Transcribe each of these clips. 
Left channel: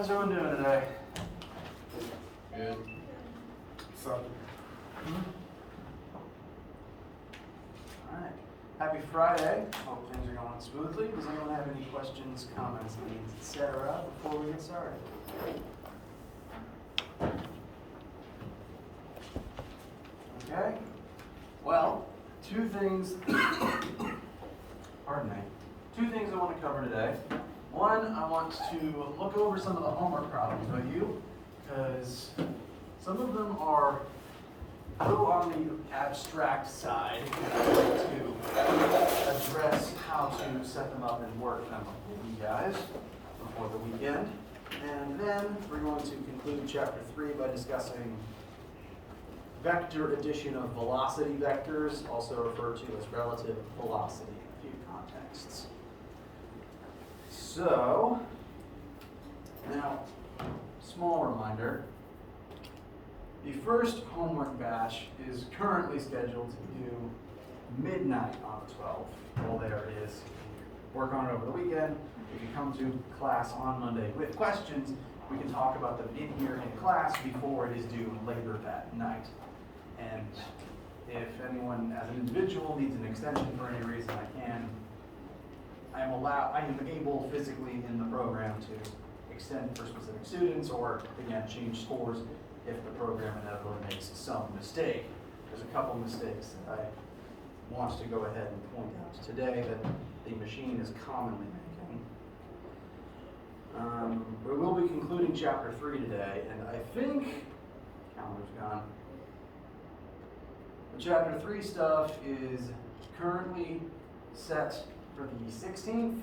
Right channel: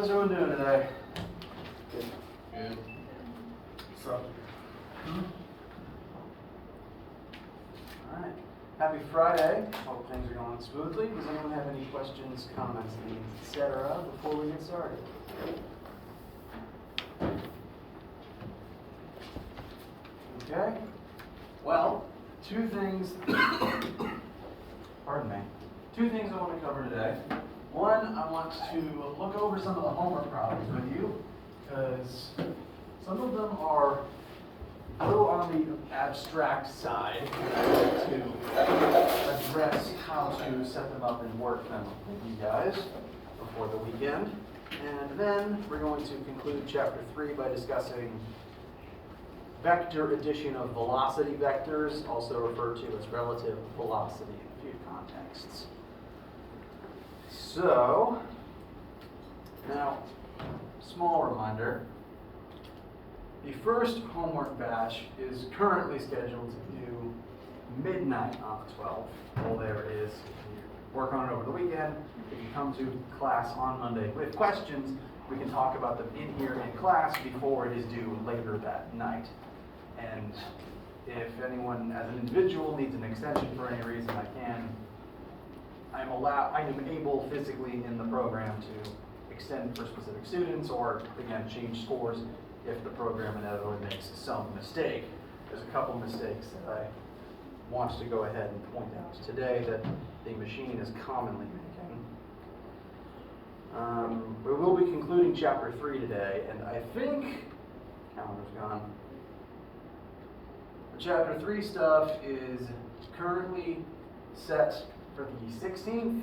How's everyone doing today? Good. So, Alright. Happy Friday. Hope things are going smoothly. Does anyone have any questions, comments, needs, etc. before we get started? Okay. Well, two things pardon me. Two things I want to cover today. One, I want to look over some of the homework problems with you, because some of them are a little on the abstract side, and I'd like to address how to set them up and work them with you guys before the weekend. And then we're going to conclude chapter 3 by discussing vector addition of velocity vectors, also referred to as relative velocity in a few contexts. So, now, small reminder, the first homework batch is currently scheduled to do midnight on the 12th. All there is, if you work on it over the weekend, if you come to class on Monday with questions, we can talk about them in here in class before it is due later that night. And if anyone as an individual needs an extension for any reason, I am able physically in the program to extend for specific students, or again, change scores if the program inevitably makes some mistake. There's a couple mistakes that I want to go ahead and point out today that the machine is commonly making. We will be concluding chapter 3 today, and I think, calendar's gone. The chapter 3 stuff is currently set for the 16th.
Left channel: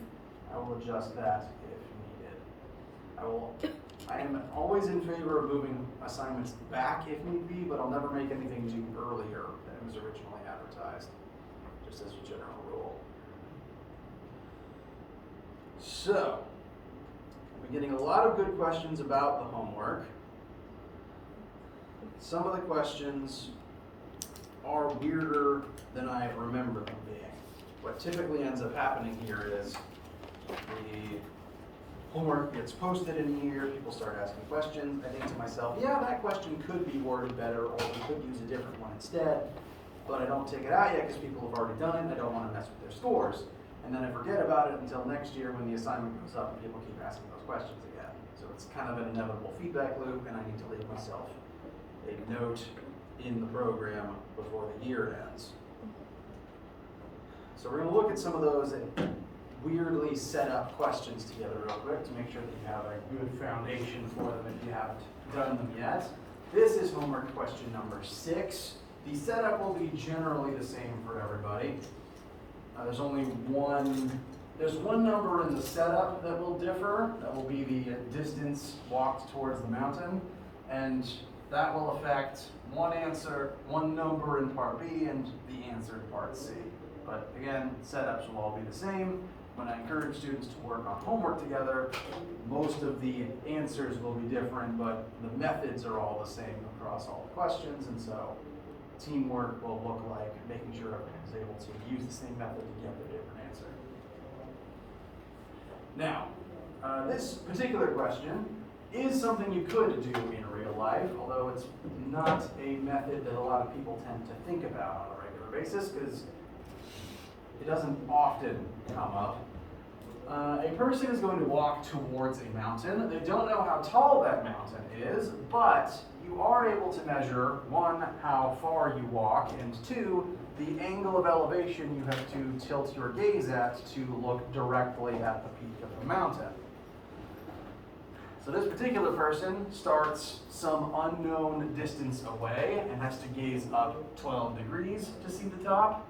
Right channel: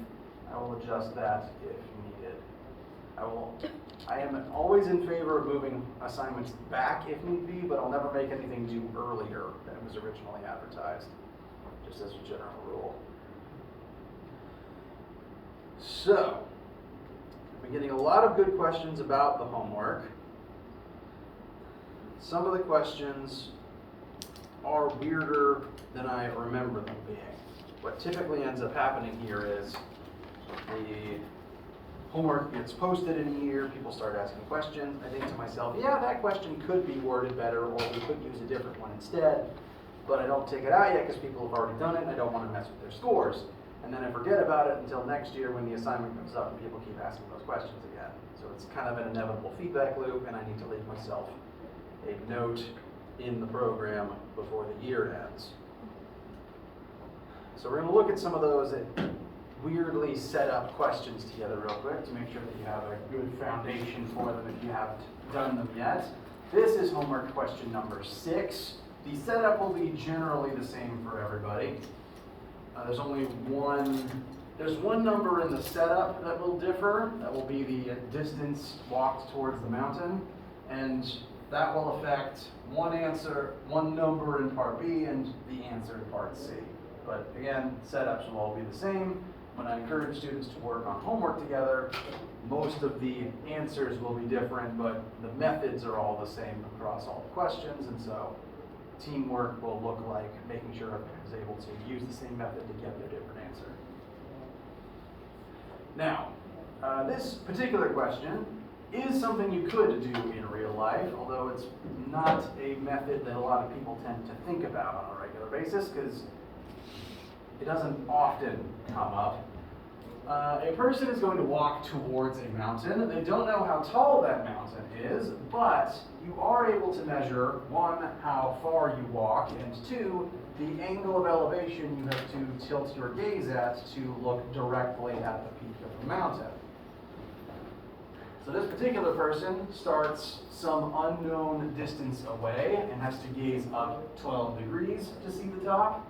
I will adjust that if needed. I am always in favor of moving assignments back if need be, but I'll never make anything due earlier than it was originally advertised, just as a general rule. So, I've been getting a lot of good questions about the homework. Some of the questions are weirder than I remember them being. What typically ends up happening here is the homework gets posted in here, people start asking questions. I think to myself, yeah, that question could be worded better, or we could use a different one instead, but I don't take it out yet because people have already done it and I don't want to mess with their scores. And then I forget about it until next year when the assignment goes up and people keep asking those questions again. So it's kind of an inevitable feedback loop, and I need to leave myself a note in the program before the year ends. So we're going to look at some of those weirdly set up questions together real quick to make sure that you have a good foundation for them if you haven't done them yet. This is homework question number 6. The setup will be generally the same for everybody. There's one number in the setup that will differ. That will be the distance walked towards the mountain, and that will affect one number in part B and the answer in part C. But again, setups will all be the same. When I encourage students to work on homework together, most of the answers will be different, but the methods are all the same across all the questions, and so teamwork will look like making sure everyone is able to use the same method to get their different answer. Now, this particular question is something you could do in real life, although it's not a method that a lot of people tend to think about on a regular basis because it doesn't often come up. A person is going to walk towards a mountain. They don't know how tall that mountain is, but you are able to measure, 1, how far you walk, and 2, the angle of elevation you have to tilt your gaze at to look directly at the peak of the mountain. So this particular person starts some unknown distance away and has to gaze up 12 degrees to see the top.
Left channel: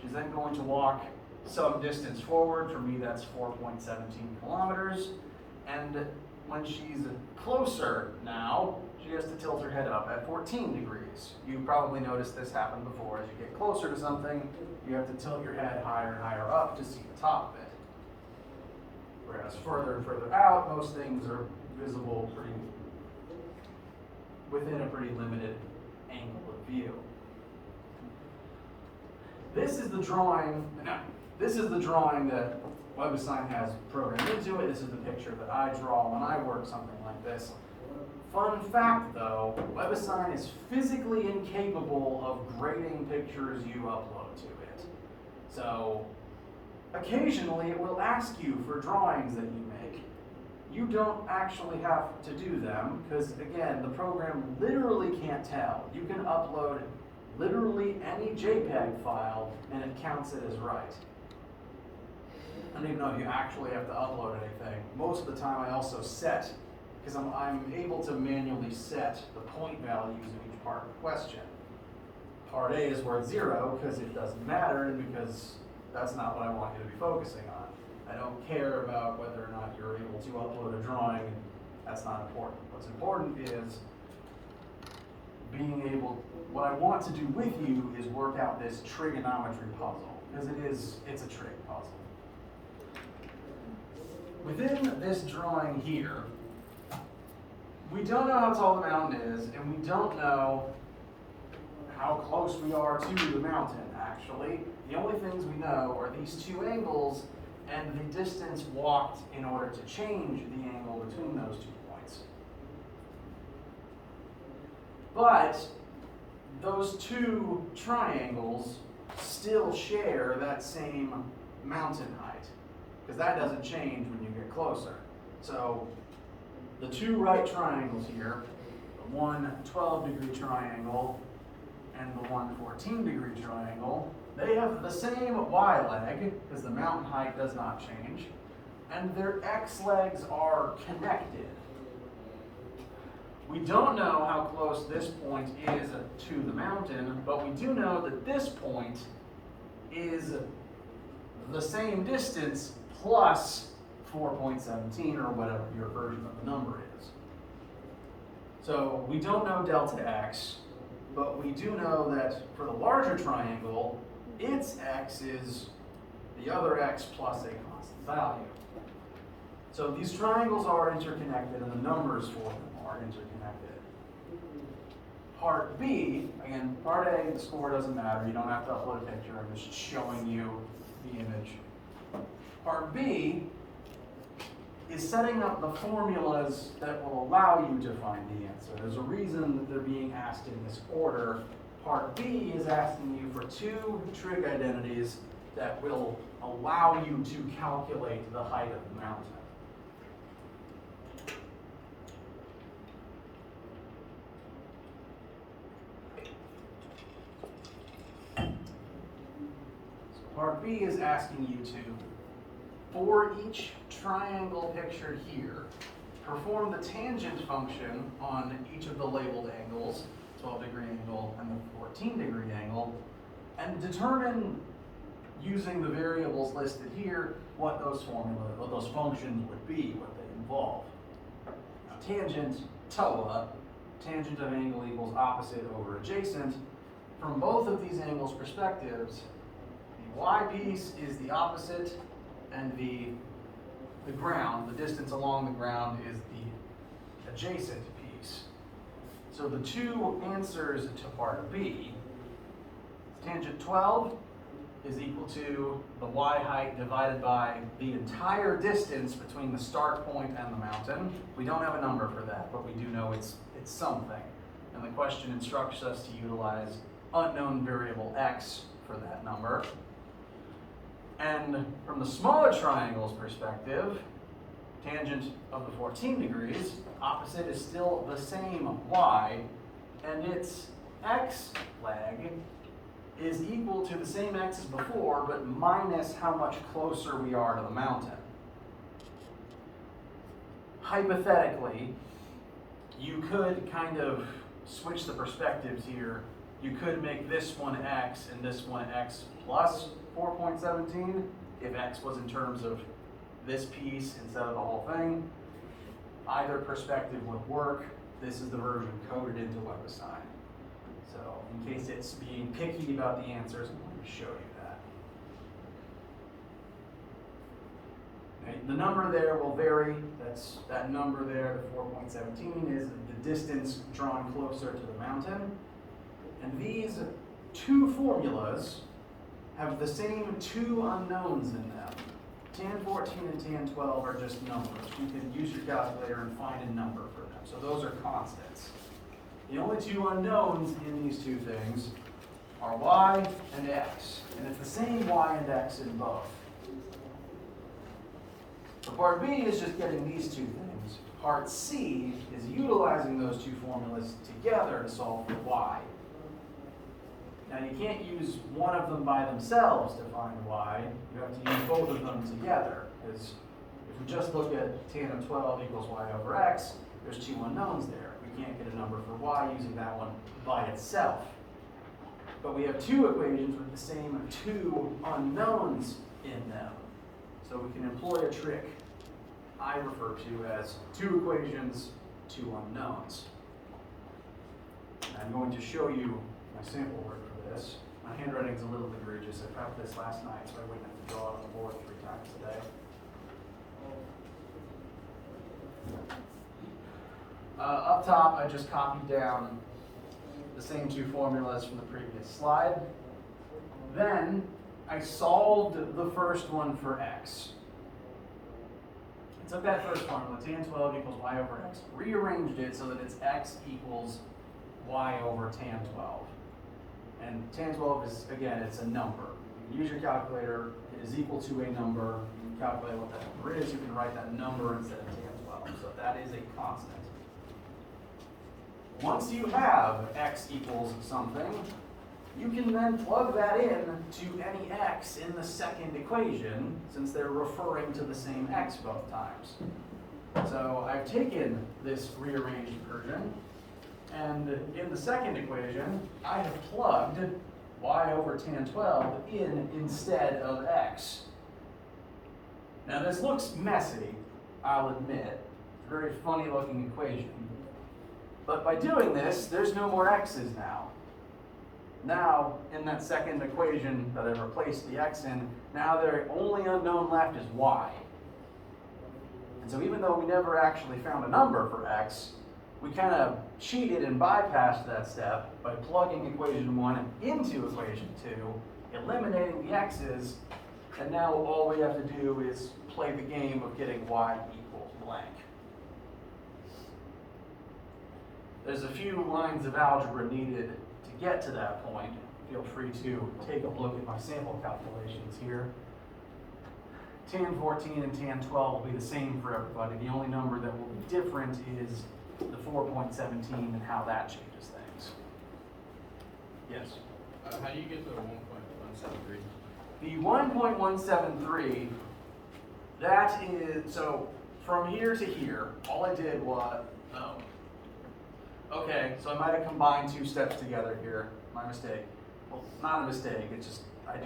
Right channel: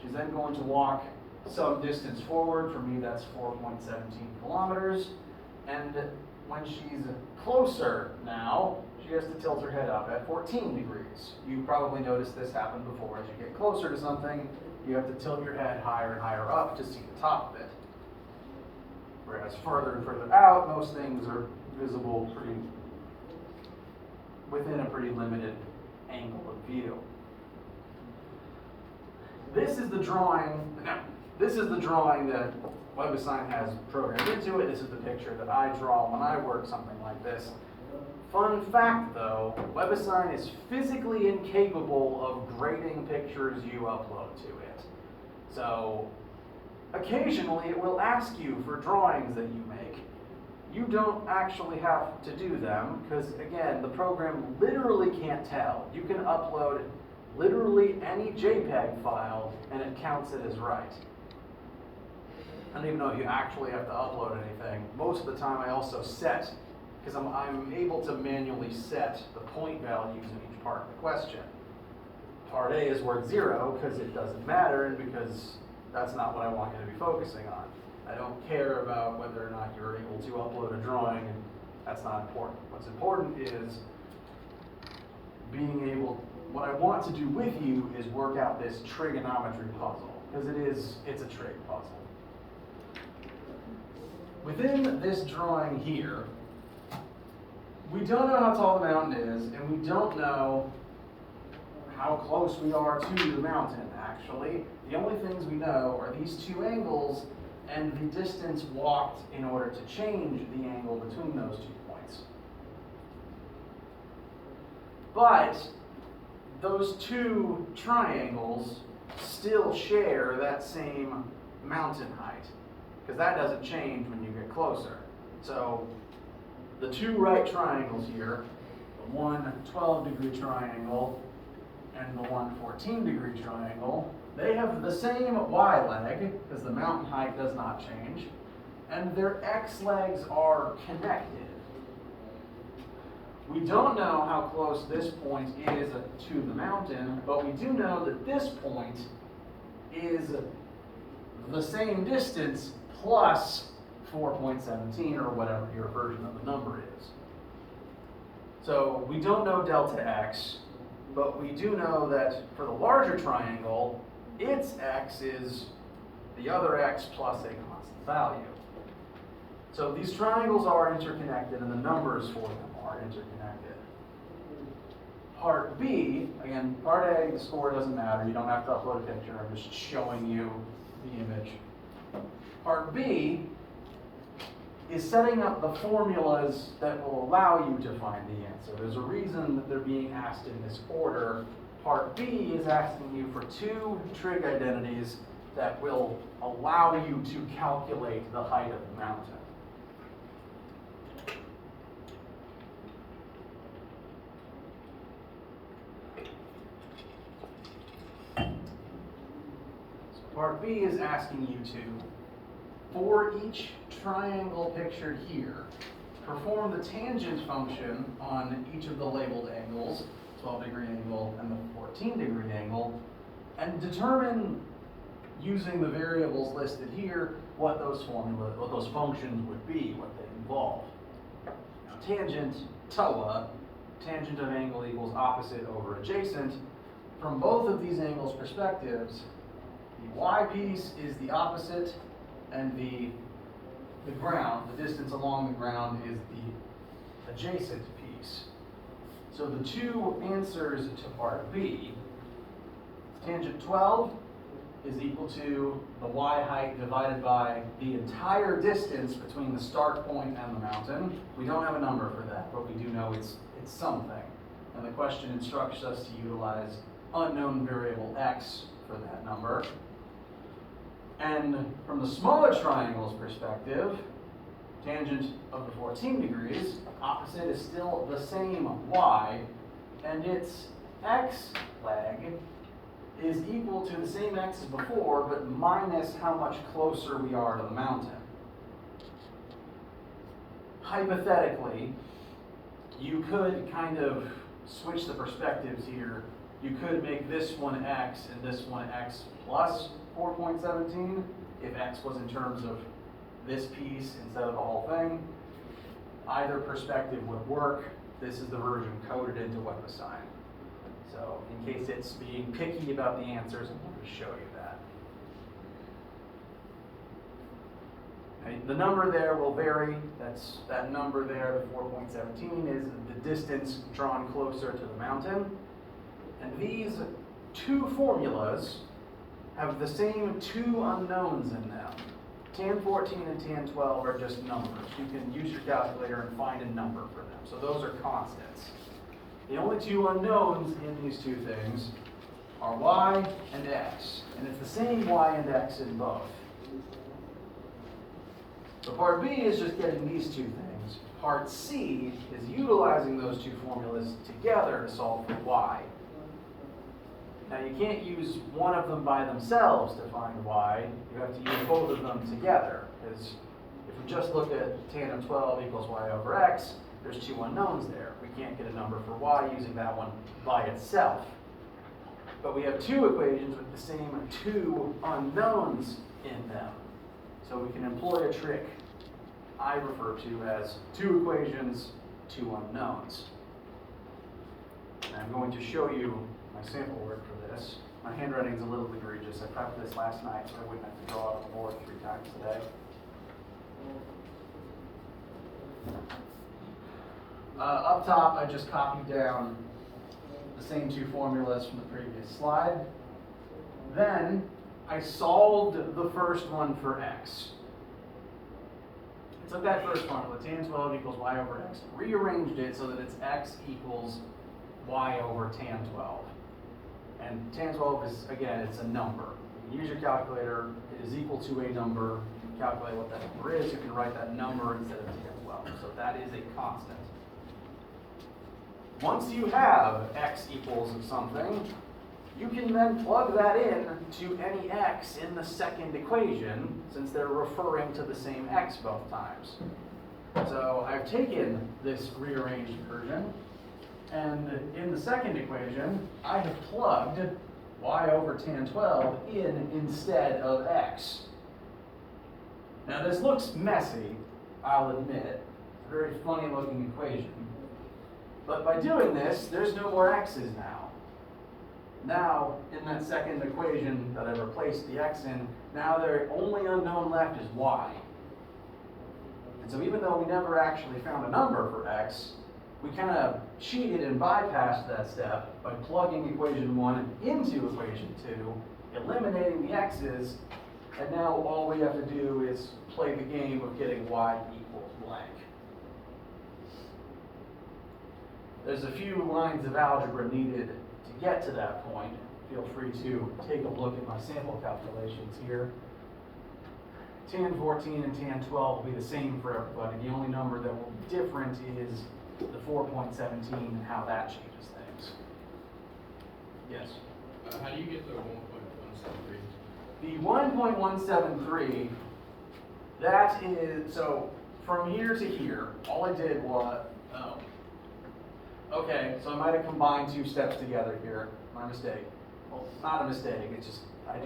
She's then going to walk some distance forward. For me, that's 4.17 kilometers. And when she's closer now, she has to tilt her head up at 14 degrees. You probably noticed this happen before. As you get closer to something, you have to tilt your head higher and higher up to see the top of it. Whereas further and further out, most things are visible within a pretty limited angle of view. This is the drawing. Now, this is the drawing that WebAssign has programmed into it. This is the picture that I draw when I work something like this. Fun fact though, WebAssign is physically incapable of grading pictures you upload to it. So occasionally it will ask you for drawings that you make. You don't actually have to do them because, again, the program literally can't tell. You can upload literally any JPEG file and it counts it as right. I don't even know if you actually have to upload anything. Most of the time I also set, because I'm able to manually set the point values in each part of the question. Part A is worth 0 because it doesn't matter and because that's not what I want you to be focusing on. I don't care about whether or not you're able to upload a drawing, and that's not important. What's important is being able, what I want to do with you is work out this trigonometry puzzle, because it's a trig puzzle. Within this drawing here, we don't know how tall the mountain is, and we don't know how close we are to the mountain, actually. The only things we know are these two angles and the distance walked in order to change the angle between those 2 points. But those two triangles still share that same mountain height, because that doesn't change when you get closer. So the two right triangles here, the one 12-degree triangle and the one 14-degree triangle, they have the same y leg, because the mountain height does not change, and their x legs are connected. We don't know how close this point is to the mountain, but we do know that this point is the same distance plus 4.17, or whatever your version of the number is. So we don't know delta x, but we do know that for the larger triangle, its x is the other x plus a constant value. So these triangles are interconnected and the numbers for them are interconnected. Part B, again, part A, the score doesn't matter. You don't have to upload a picture. I'm just showing you the image. Part B is setting up the formulas that will allow you to find the answer. There's a reason that they're being asked in this order. Part B is asking you for two trig identities that will allow you to calculate the height of the mountain. So part B is asking you to, for each triangle pictured here, perform the tangent function on each of the labeled angles, 12-degree angle and the 14-degree angle, and determine, using the variables listed here, what those functions would be, what they involve. Now, tangent, TOA, tangent of angle equals opposite over adjacent. From both of these angles' perspectives, the y piece is the opposite, and the ground, the distance along the ground, is the adjacent piece. So the two answers to part B, tangent 12 is equal to the y height divided by the entire distance between the start point and the mountain. We don't have a number for that, but we do know it's something. And the question instructs us to utilize unknown variable x for that number. And from the smaller triangle's perspective, tangent of the 14 degrees, opposite is still the same y, and its x leg is equal to the same x as before, but minus how much closer we are to the mountain. Hypothetically, you could kind of switch the perspectives here. You could make this one x and this one x plus 4.17 if x was in terms of this piece instead of the whole thing. Either perspective would work. This is the version coded into WebAssign. So in case it's being picky about the answers, I'm going to show you that. Okay, the number there will vary. That number there, the 4.17, is the distance drawn closer to the mountain. And these two formulas have the same two unknowns in them. Tan 14 and tan 12 are just numbers. You can use your calculator and find a number for them. So those are constants. The only two unknowns in these two things are y and x. And it's the same y and x in both. So part B is just getting these two things. Part C is utilizing those two formulas together to solve for y. Now you can't use one of them by themselves to find y. You have to use both of them together. Because if we just look at tan of 12 equals y over x, there's two unknowns there. We can't get a number for y using that one by itself. But we have two equations with the same two unknowns in them. So we can employ a trick I refer to as two equations, two unknowns. And I'm going to show you my sample work for this. My handwriting's a little egregious. I prepped this last night so I wouldn't have to draw it on the board 3 times today. Up top, I just copied down the same two formulas from the previous slide. Then I solved the first one for x. I took that first formula, tan 12 equals y over x, rearranged it so that it's x equals y over tan 12. And tan 12 is, again, it's a number. You can use your calculator, it is equal to a number. You can calculate what that number is, you can write that number instead of tan 12. So that is a constant. Once you have x equals something, you can then plug that in to any x in the second equation, since they're referring to the same x both times. So I've taken this rearranged version, and in the second equation, I have plugged y over tan 12 in instead of x. Now this looks messy, I'll admit. It's a very funny looking equation. But by doing this, there's no more x's now. Now, in that second equation that I've replaced the x in, now the only unknown left is y. And so even though we never actually found a number for x, we kind of cheated and bypassed that step by plugging equation 1 into equation 2, eliminating the x's, and now all we have to do is play the game of getting y equals blank. There's a few lines of algebra needed to get to that point. Feel free to take a look at my sample calculations here. Tan 14 and tan 12 will be the same for everybody. The only number that will be different is the 4.17 and how that changes things. Yes? How do you get to the 1.173? The 1.173, that is, so from here to here, all I did was, okay, so I might have combined 2 steps together here. My mistake. Well, not a mistake, it's just, I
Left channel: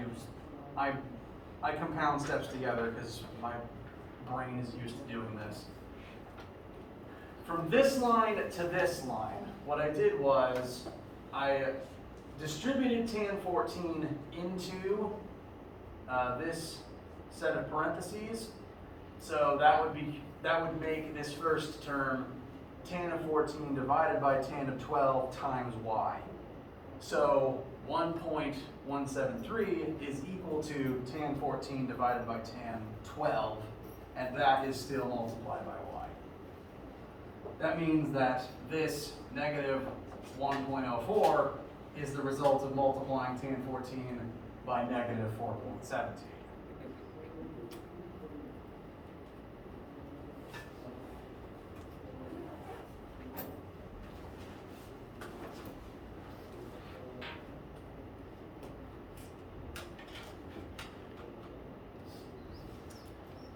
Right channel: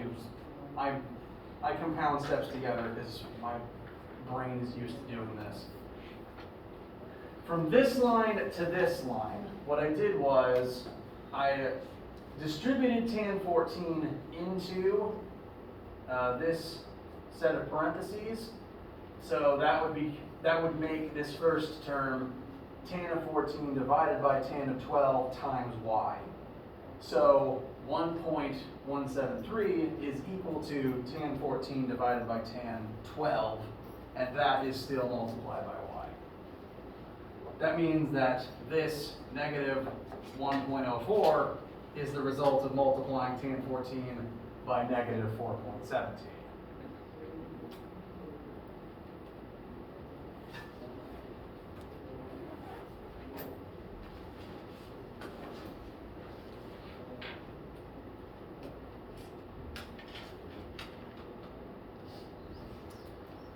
compound steps together because my brain is used to doing this. From this line to this line, what I did was I distributed tan 14 into this set of parentheses. So that would make this first term tan of 14 divided by tan of 12 times y. So 1.173 is equal to tan 14 divided by tan 12, and that is still multiplied by y. That means that this negative 1.04 is the result of multiplying tan 14 by negative 4.17.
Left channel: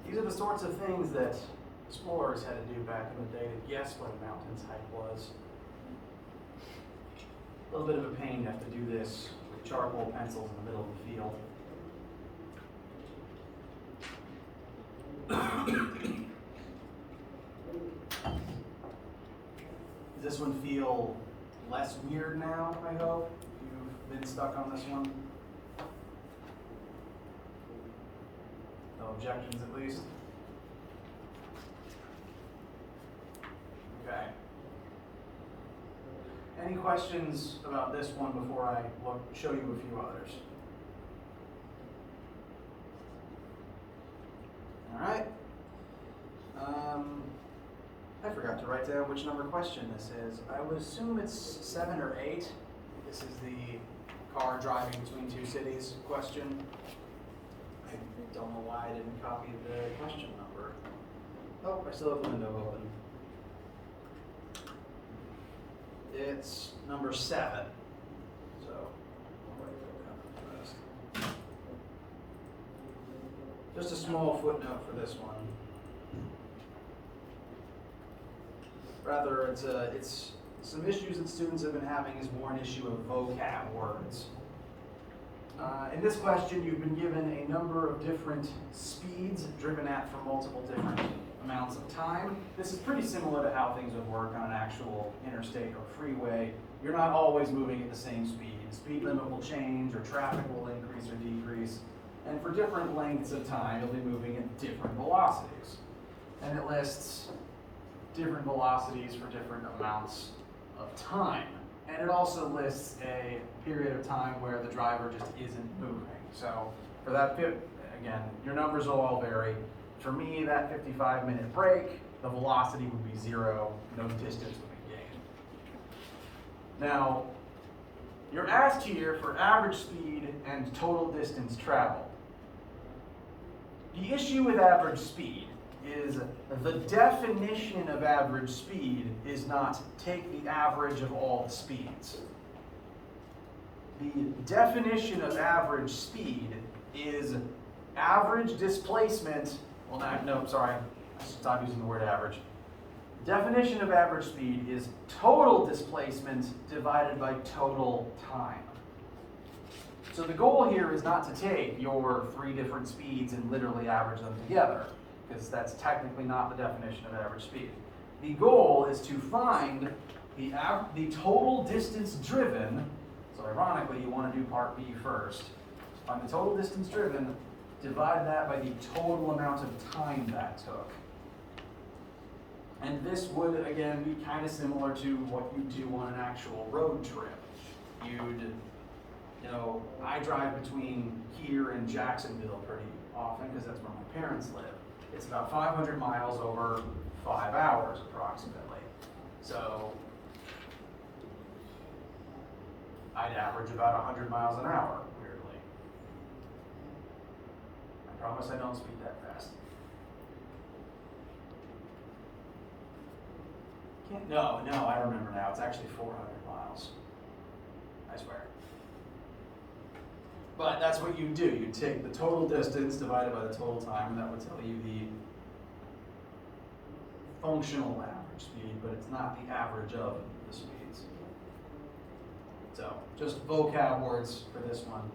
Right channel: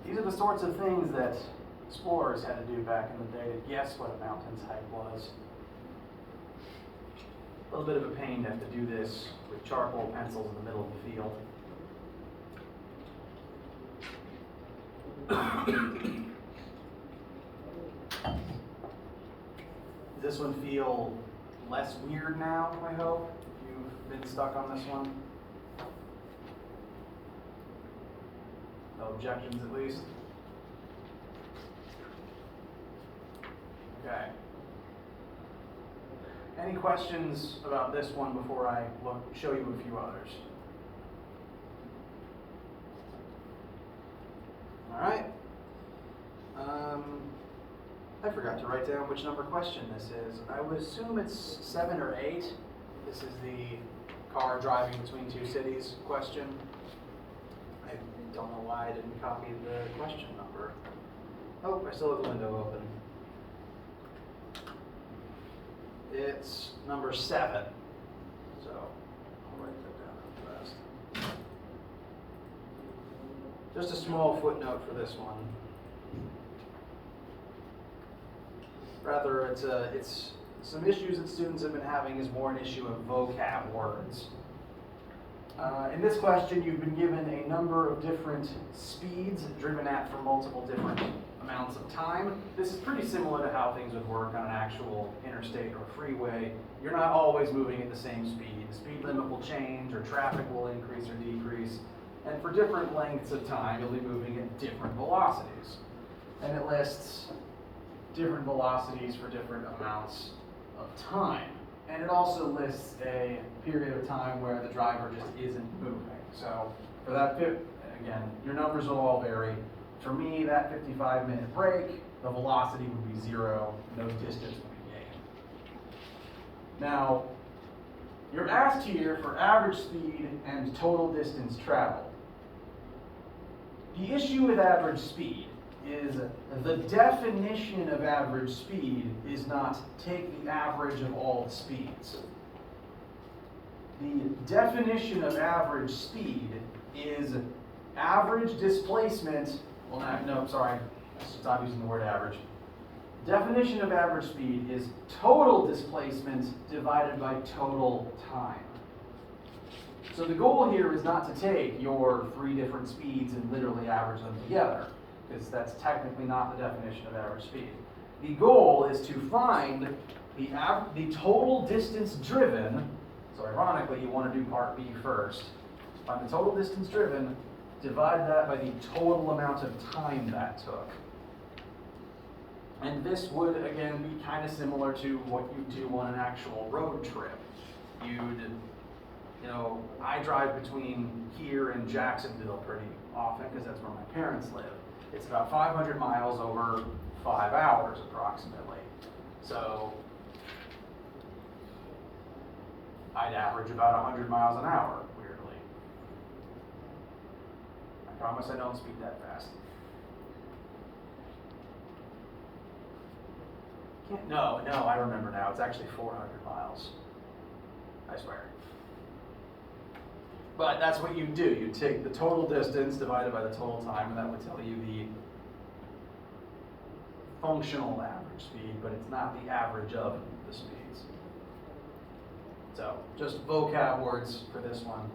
These are the sorts of things that explorers had to do back in the day to guess what a mountain's height was. A little bit of a pain to have to do this with charcoal pencils in the middle of the field. Does this one feel less weird now, I hope? If you've been stuck on this one? No objections, at least? Okay. Any questions about this one before I show you a few others? to write down which number question this is. I would assume it's 7 or 8. This is the car driving between two cities question. I don't know why I didn't copy the question number. Oh, I still have the window open. It's number 7. So I'll write that down real fast. Just a small footnote for this one. Rather, it's some issues that students have been having is more an issue of vocab words. In this question, you've been given a number of different speeds driven at for multiple different amounts of time. This is pretty similar to how things would work on an actual interstate or freeway. You're not always moving at the same speed. The speed limit will change, or traffic will increase or decrease. And for different lengths of time, you'll be moving at different velocities. And it lists different velocities for different amounts of time. And it also lists a period of time where the driver just isn't moving. So for that, again, your numbers will all vary. For me, that 55-minute break, the velocity would be 0, no distance will be gained. Now, you're asked here for average speed and total distance traveled. The issue with average speed is the definition of average speed is not take the average of all speeds. The definition of average speed is average displacement. Well, no, sorry, stop using the word average. Definition of average speed is total displacement divided by total time. So the goal here is not to take your 3 different speeds and literally average them together, because that's technically not the definition of average speed. The goal is to find the total distance driven. So ironically, you want to do part B first. Find the total distance driven, divide that by the total amount of time that took. And this would, again, be kind of similar to what you do on an actual road trip. I drive between here and Jacksonville pretty often because that's where my parents live. It's about 500 miles over 5 hours approximately. So I'd average about 100 miles an hour, weirdly. I promise I don't speed that fast. No, I remember now. It's actually 400 miles. I swear. But that's what you do. You take the total distance divided by the total time, and that would tell you the functional average speed, but it's not the average of the speeds. So, just vocab words for this one.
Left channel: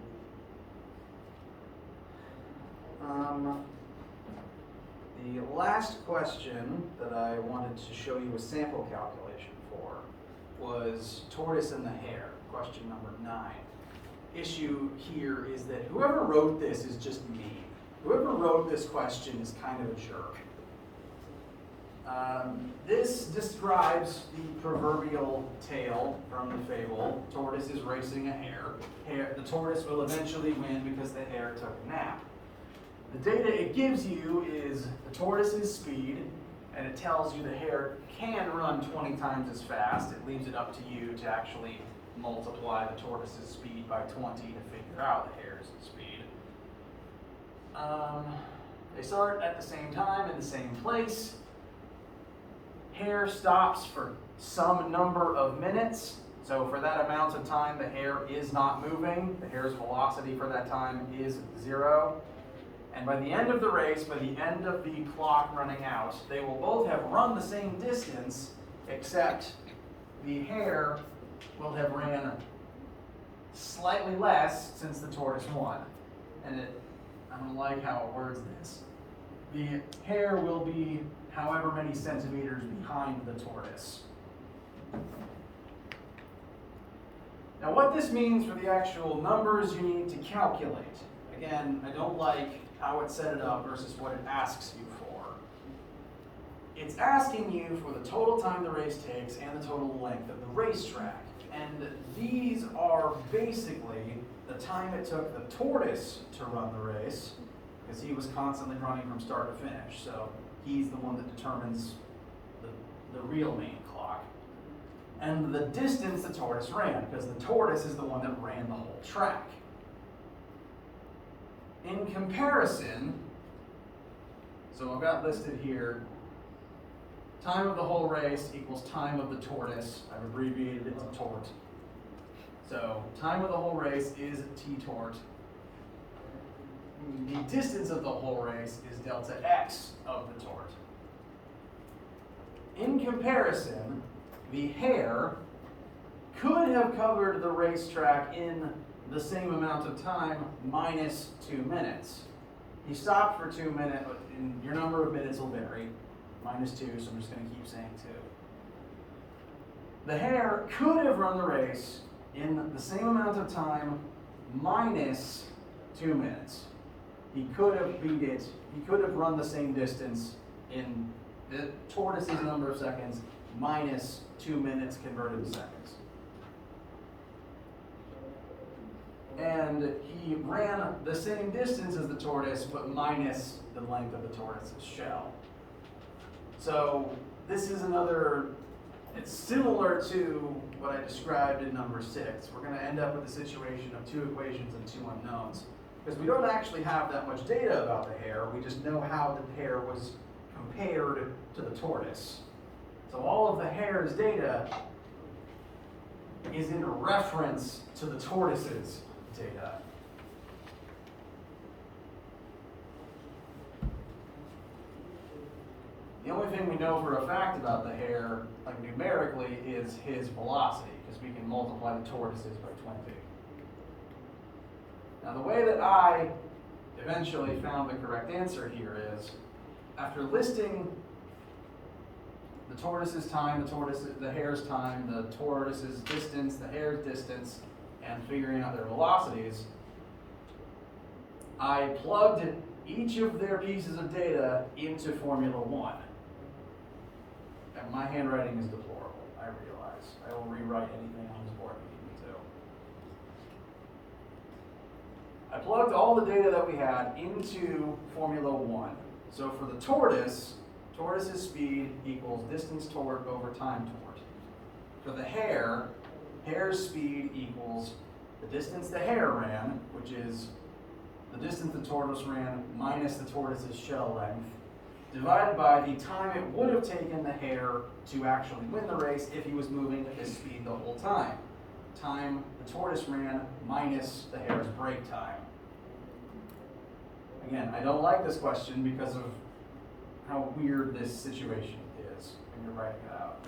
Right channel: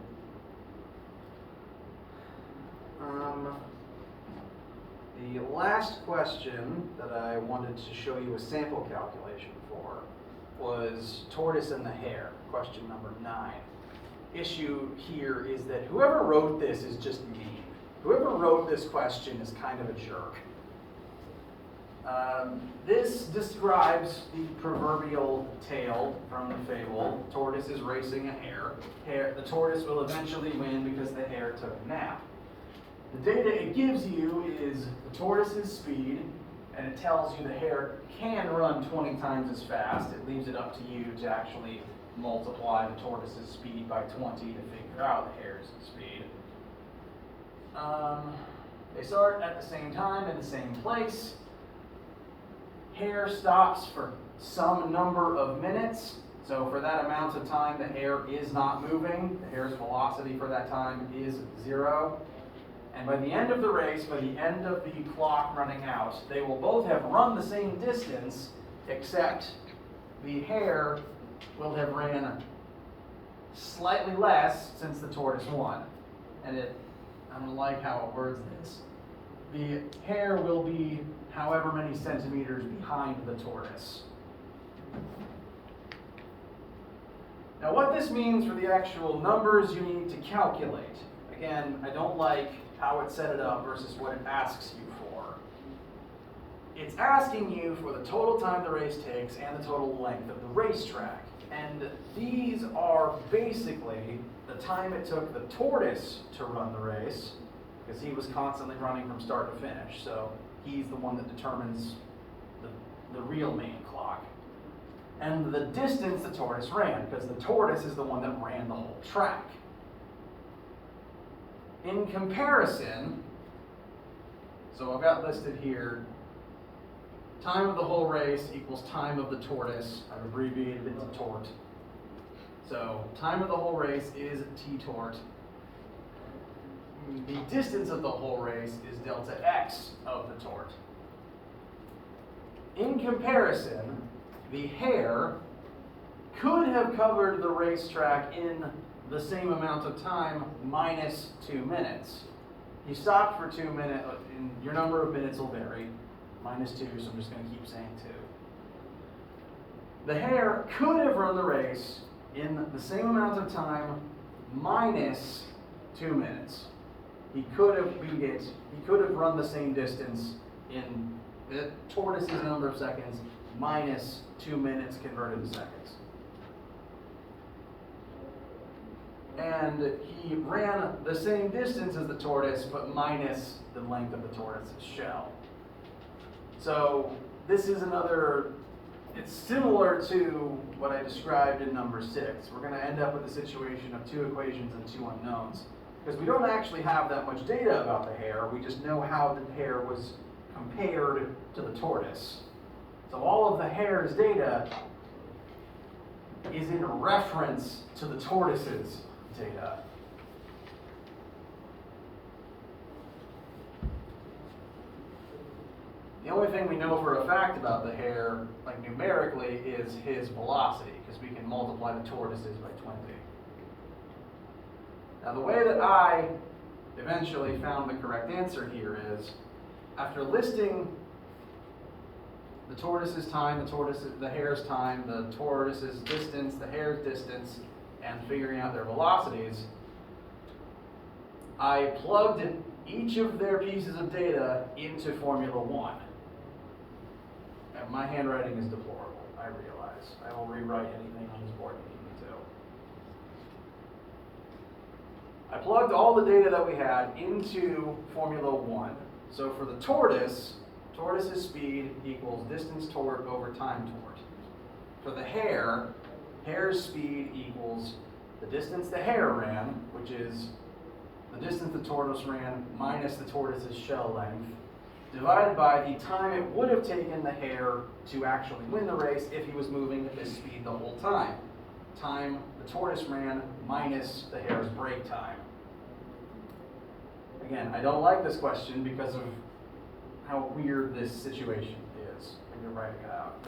The last question that I wanted to show you a sample calculation for was tortoise and the hare, question number 9. Issue here is that whoever wrote this is just mean. Whoever wrote this question is kind of a jerk. This describes the proverbial tale from the fable. Tortoise is racing a hare. The tortoise will eventually win because the hare took a nap. The data it gives you is the tortoise's speed, and it tells you the hare can run 20 times as fast. It leaves it up to you to actually multiply the tortoise's speed by 20 to figure out the hare's speed. They start at the same time in the same place. Hare stops for some number of minutes. So for that amount of time, the hare is not moving. The hare's velocity for that time is 0. And by the end of the race, by the end of the clock running out, they will both have run the same distance, except the hare will have ran slightly less since the tortoise won. And I don't like how it words this. The hare will be however many centimeters behind the tortoise. Now what this means for the actual numbers you need to calculate. Again, I don't like how it set it up versus what it asks you for. It's asking you for the total time the race takes and the total length of the racetrack. And these are basically the time it took the tortoise to run the race, because he was constantly running from start to finish. So he's the one that determines the the real main clock, and the distance the tortoise ran, because the tortoise is the one that ran the whole track. In comparison, so I've got listed here, time of the whole race equals time of the tortoise. I've abbreviated it to tort. So time of the whole race is t-tort. The distance of the whole race is delta x of the tort. In comparison, the hare could have covered the racetrack in the same amount of time minus 2 minutes. He stopped for 2 minutes, and your number of minutes will vary. Minus 2, so I'm just going to keep saying 2. The hare could have run the race in the same amount of time minus 2 minutes. He could have beat it. He could have run the same distance in the tortoise's number of seconds minus 2 minutes converted to seconds. And he ran the same distance as the tortoise, but minus the length of the tortoise's shell. So this is another, it's similar to what I described in number 6. We're going to end up with a situation of 2 equations and 2 unknowns. Because we don't actually have that much data about the hare, we just know how the hare was compared to the tortoise. So all of the hare's data is in reference to the tortoise's data. The only thing we know for a fact about the hare, like numerically, is his velocity, because we can multiply the tortoises by 20. Now the way that I eventually found the correct answer here is, after listing the tortoise's time, the hare's time, the tortoise's distance, the hare's distance, and figuring out their velocities, I plugged each of their pieces of data into Formula 1. And my handwriting is deplorable, I realize. I will rewrite anything on this board you need me to. I plugged all the data that we had into Formula 1. So for the tortoise's speed equals distance tort over time tort. For the hare, hare's speed equals the distance the hare ran, which is the distance the tortoise ran minus the tortoise's shell length, divided by the time it would have taken the hare to actually win the race if he was moving at this speed the whole time. Time the tortoise ran minus the hare's break time. Again, I don't like this question because of how weird this situation is when you're writing it out.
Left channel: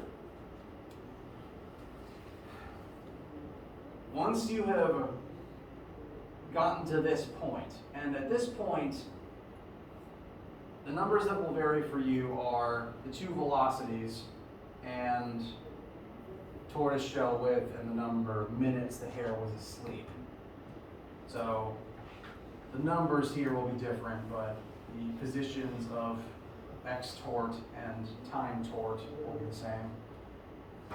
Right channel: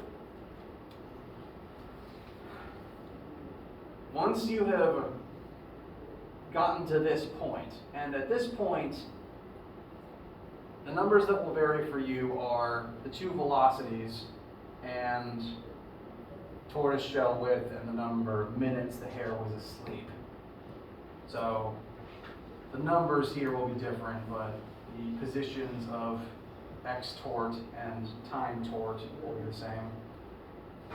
Once you have gotten to this point, and at this point, the numbers that will vary for you are the 2 velocities and tortoise shell width and the number of minutes the hare was asleep. So the numbers here will be different, but the positions of x tort and time tort will be the same.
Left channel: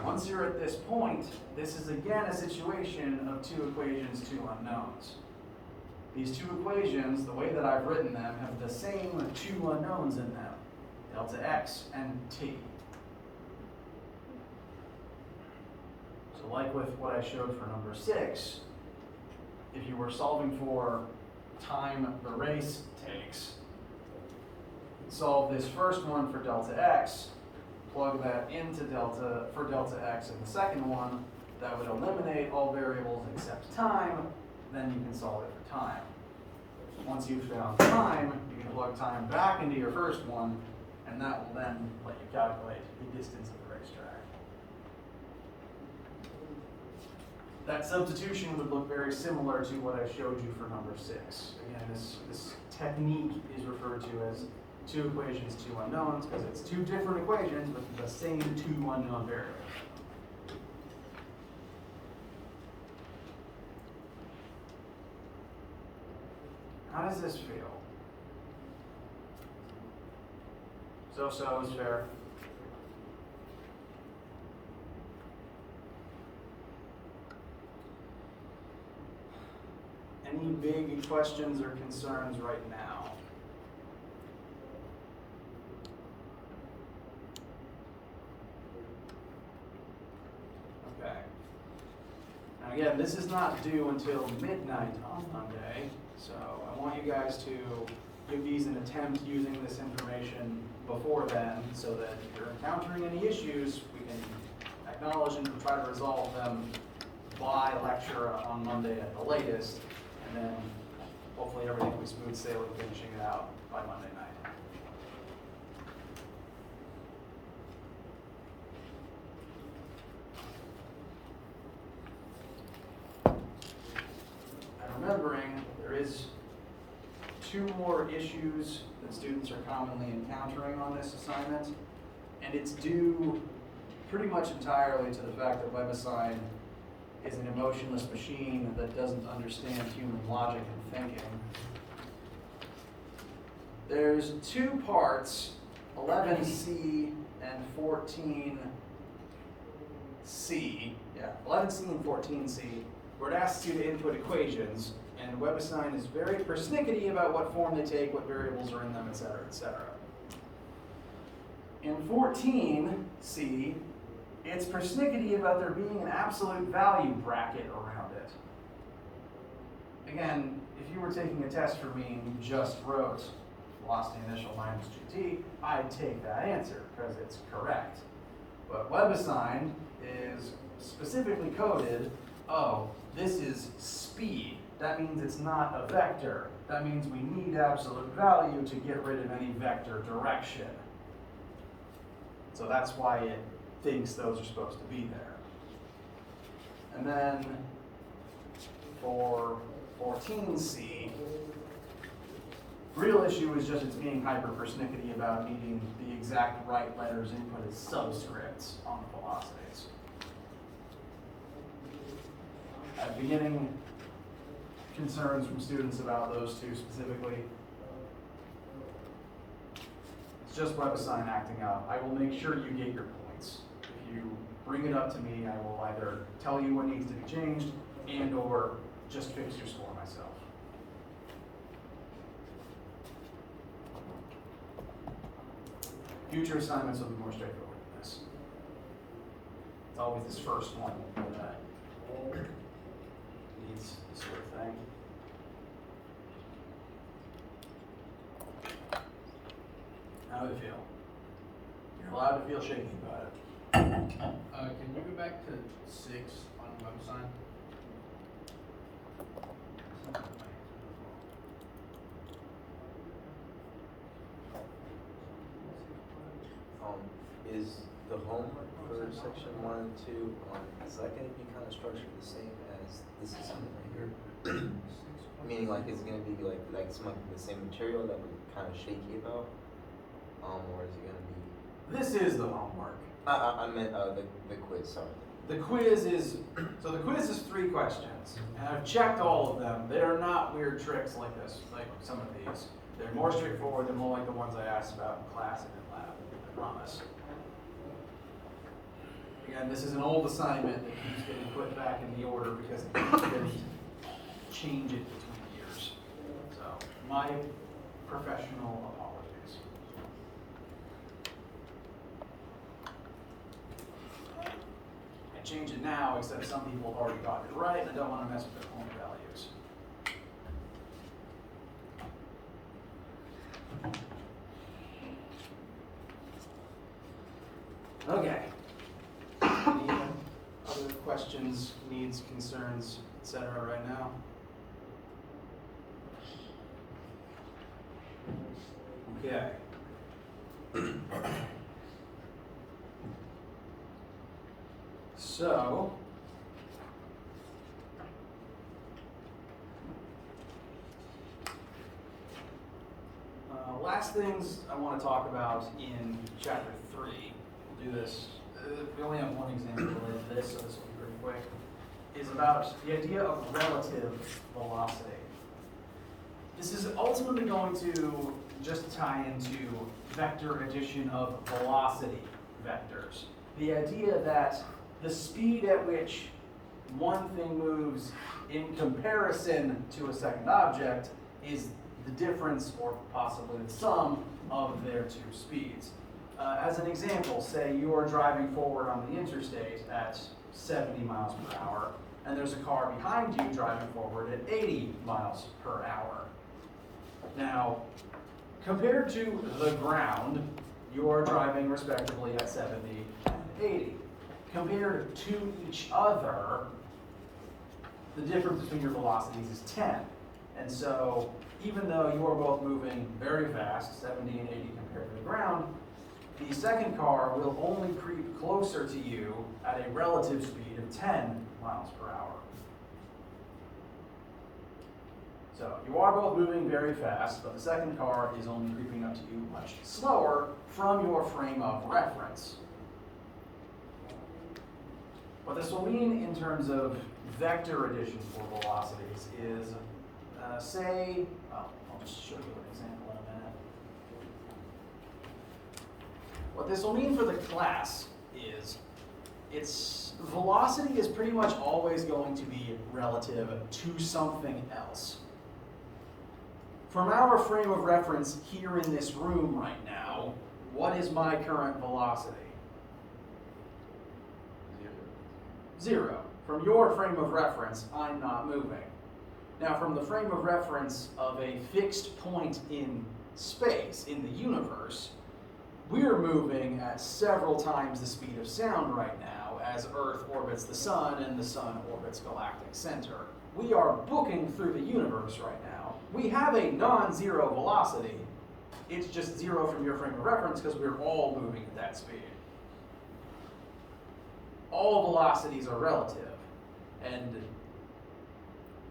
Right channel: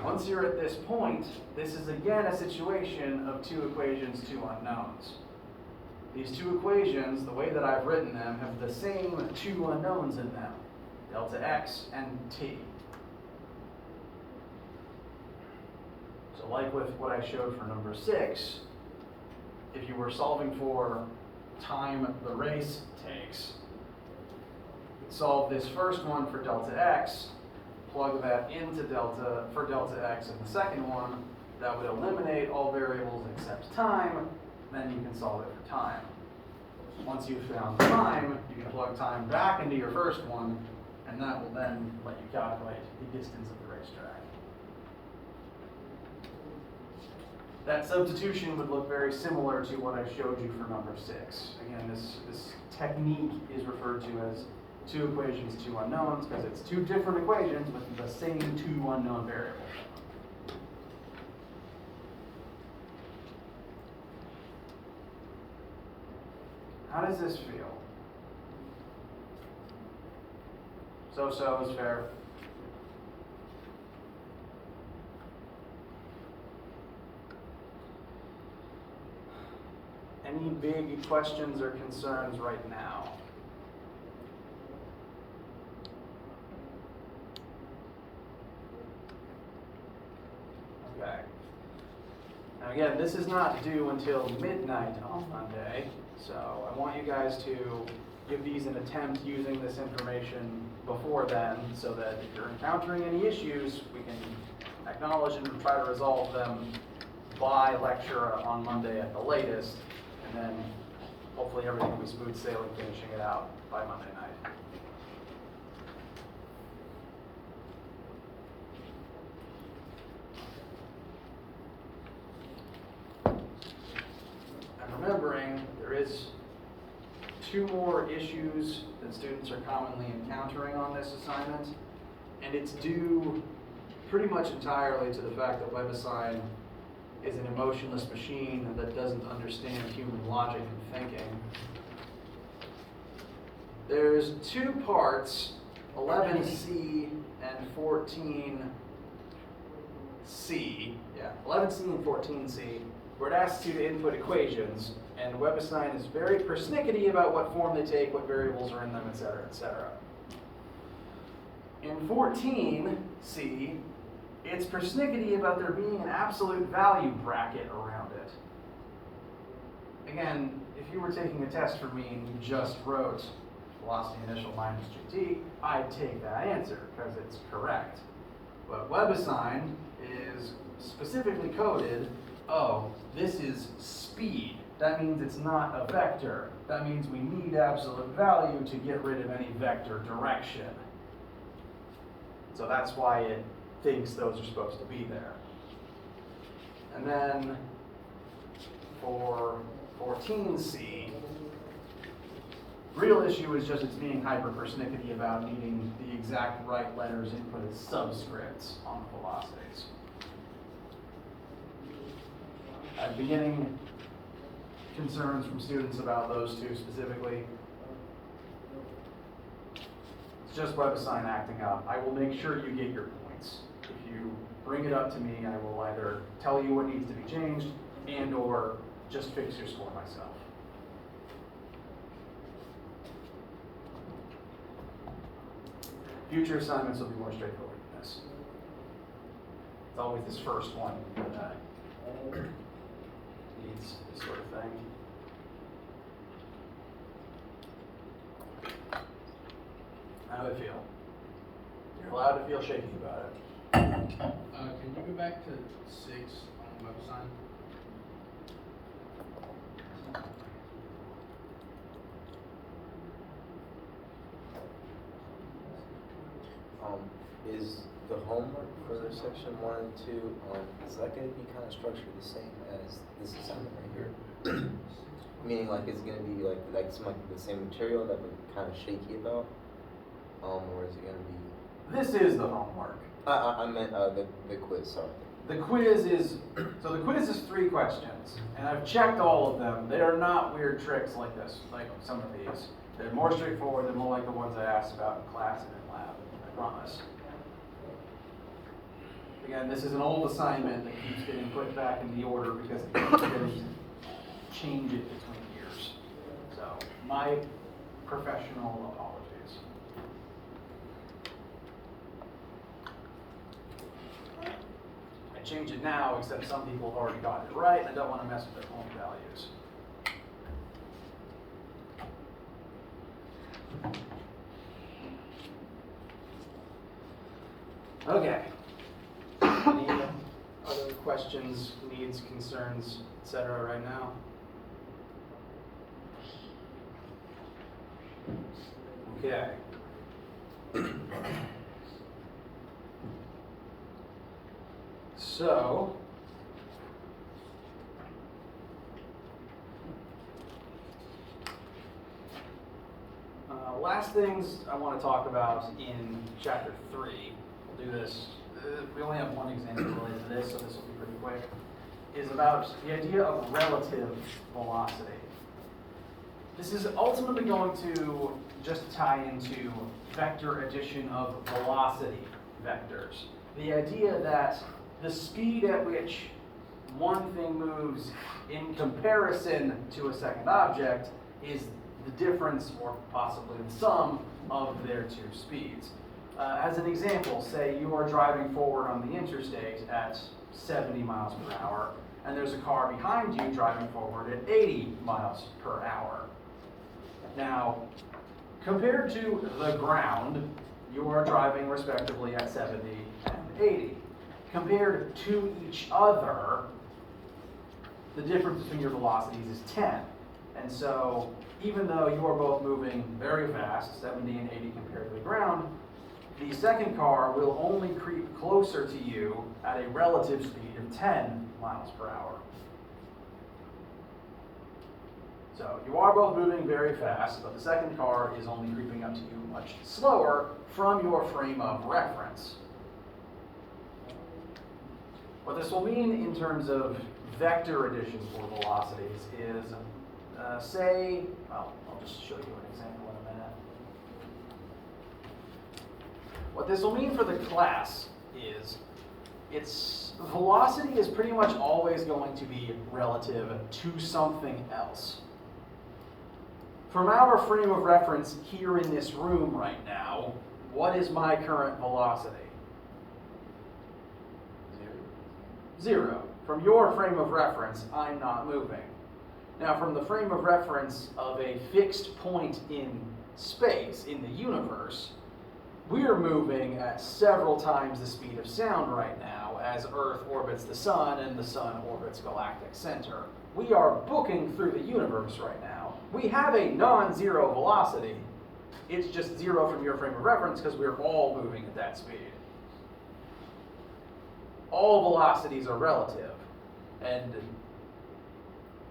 Once you're at this point, this is again a situation of 2 equations, 2 unknowns. These 2 equations, the way that I've written them, have the same 2 unknowns in them, delta x and t. So like with what I showed for number 6, if you were solving for time the race takes, solve this first one for delta x, plug that into delta x in the second one, that would eliminate all variables except time, then you can solve it for time. Once you've found time, you can plug time back into your first one, and that will then let you calculate the distance of the racetrack. That substitution would look very similar to what I showed you for number 6. Again, this technique is referred to as 2 equations, 2 unknowns, because it's 2 different equations with the same 2 unknown variables. How does this feel? So is fair. Any big questions or concerns right now? Now again, this is not due until midnight on Monday, so I want you guys to give these an attempt using this information before then, so that if you're encountering any issues, we can acknowledge and try to resolve them by lecture on Monday at the latest, and then hopefully everything will be smooth sailing, finishing it out by Monday night. And remembering, there is 2 more issues that students are commonly encountering on this assignment, and it's due pretty much entirely to the fact that WebAssign is an emotionless machine that doesn't understand human logic and thinking. There's 2 parts, 11C and 14C, 11C and 14C, where it asks you to input equations, and WebAssign is very persnickety about what form they take, what variables are in them, etc., etc. In 14C, it's persnickety about there being an absolute value bracket around it. Again, if you were taking a test for me and you just wrote velocity initial minus GT, I'd take that answer because it's correct. But WebAssign is specifically coded, oh, this is speed. That means it's not a vector. That means we need absolute value to get rid of any vector direction. So that's why it thinks those are supposed to be there. And then for 14C, real issue is just it's being hyper persnickety about needing the exact right letters input as subscripts on the velocities. I've been getting concerns from students about those 2 specifically. It's just WebAssign acting up. I will make sure you get your points. If you bring it up to me, I will either tell you what needs to be changed and or just fix your score myself. Future assignments will be more straightforward than this. It's always this first one that needs this sort of thing. How do I feel? You're allowed to feel shaky about it. Can you go back to 6 on WebAssign? Is the homework for section 1 and 2, is that going to be kind of structured the same as this assignment right here? Meaning like it's going to be like some of the same material that we're kind of shaky about? Or is it going to be? This is the homework. I meant the quiz, sorry. The quiz is 3 questions, and I've checked all of them. They are not weird tricks like this, like some of these. They're more straightforward than more like the ones I asked about in class and in lab, I promise. Again, this is an old assignment that keeps getting put back in the order because it keeps getting to change it between years. So, my professional apologies. I change it now, except some people have already gotten it right, and I don't want to mess with their own values. Okay. Any other questions, needs, concerns, etc. right now? Okay. So, last things I want to talk about in chapter 3, we'll do this, we only have one example related to this, so this will be pretty quick, is about the idea of relative velocity. This is ultimately going to just tie into vector addition of velocity vectors. The idea that the speed at which one thing moves in comparison to a second object is the difference, or possibly the sum, of their 2 speeds. As an example, say you are driving forward on the interstate at 70 miles per hour, and there's a car behind you driving forward at 80 miles per hour. Now, compared to the ground, you are driving respectively at 70 and 80. Compared to each other, the difference between your velocities is 10. And so, even though you are both moving very fast, 70 and 80 compared to the ground, the second car will only creep closer to you at a relative speed of 10 miles per hour. So you are both moving very fast, but the second car is only creeping up to you much slower from your frame of reference. What this will mean in terms of vector addition for velocities is, I'll just show you an example in a minute. What this will mean for the class is its velocity is pretty much always going to be relative to something else. From our frame of reference here in this room right now, what is my current velocity? 0. From your frame of reference, I'm not moving. Now, from the frame of reference of a fixed point in space, in the universe, we're moving at several times the speed of sound right now as Earth orbits the sun and the sun orbits galactic center. We are booking through the universe right now. We have a non-zero velocity. It's just 0 from your frame of reference because we're all moving at that speed. All velocities are relative, and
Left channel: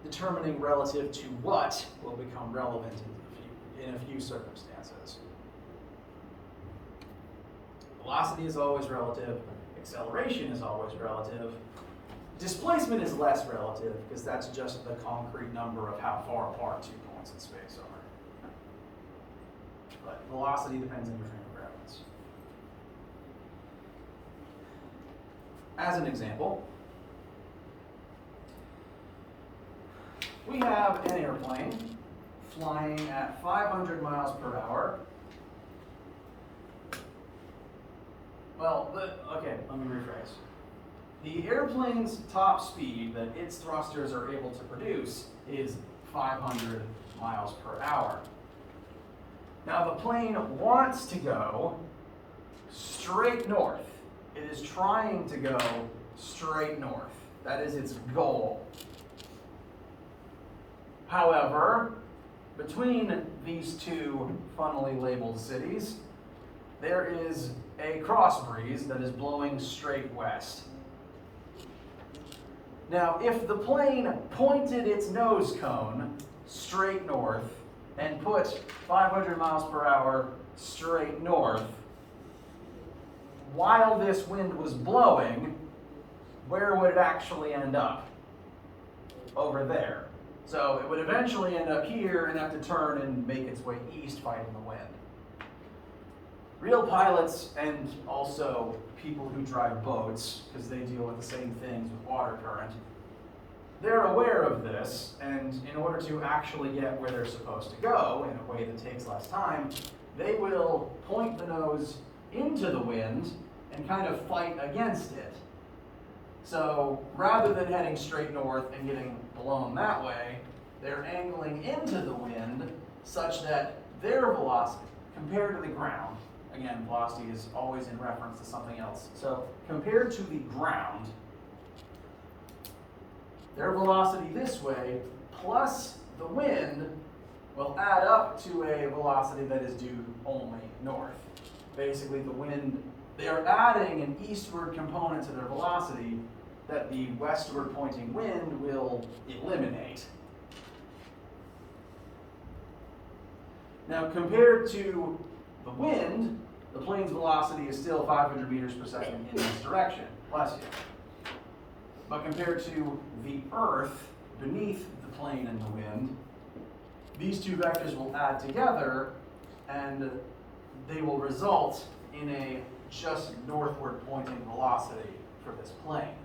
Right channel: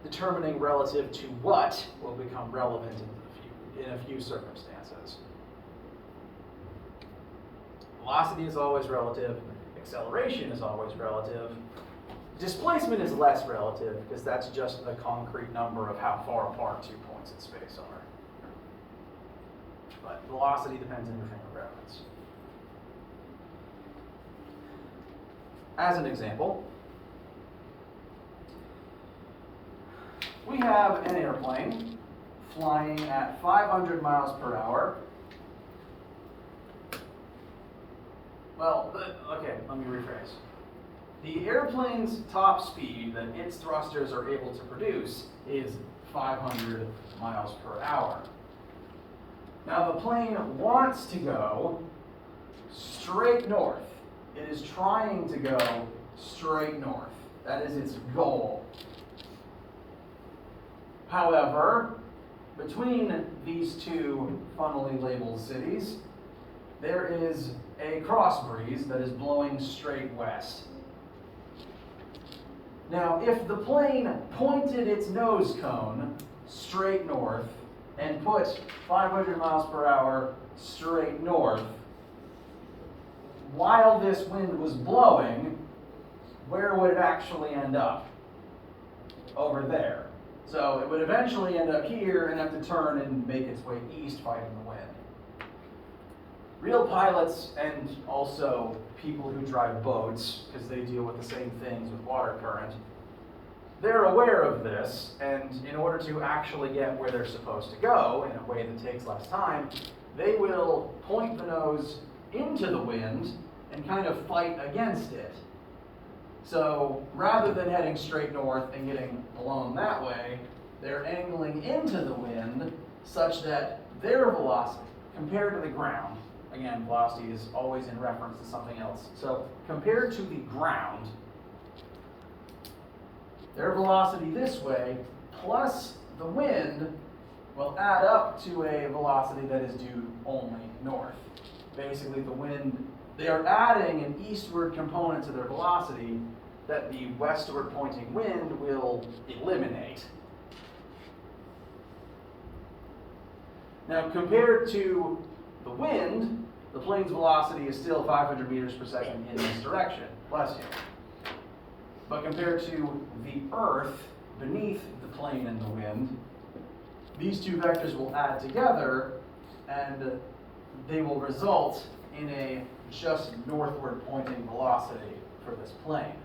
determining relative to what will become relevant in a few circumstances. Velocity is always relative. Acceleration is always relative. Displacement is less relative because that's just the concrete number of how far apart 2 points in space are. But velocity depends on your frame of reference. As an example, we have an airplane flying at 500 miles per hour. Well, okay, let me rephrase. The airplane's top speed that its thrusters are able to produce is 500 miles per hour. Now the plane wants to go straight north. It is trying to go straight north. That is its goal. However, between these two funnily labeled cities, there is a cross breeze that is blowing straight west. Now, if the plane pointed its nose cone straight north and put 500 miles per hour straight north, while this wind was blowing, where would it actually end up? Over there. So it would eventually end up here and have to turn and make its way east fighting the wind. Real pilots and also people who drive boats, because they deal with the same things with water current, they're aware of this, and in order to actually get where they're supposed to go in a way that takes less time, they will point the nose into the wind and kind of fight against it. So rather than heading straight north and getting blown that way, they're angling into the wind such that their velocity compared to the ground, again, velocity is always in reference to something else. So compared to the ground, their velocity this way plus the wind will add up to a velocity that is due only north. Basically, the wind, they are adding an eastward component to their velocity that the westward pointing wind will eliminate. Now, compared to the wind, the plane's velocity is still 500 meters per second in this direction. Bless you. But compared to the Earth beneath the plane and the wind, these two vectors will add together and they will result in a just northward pointing velocity for this plane.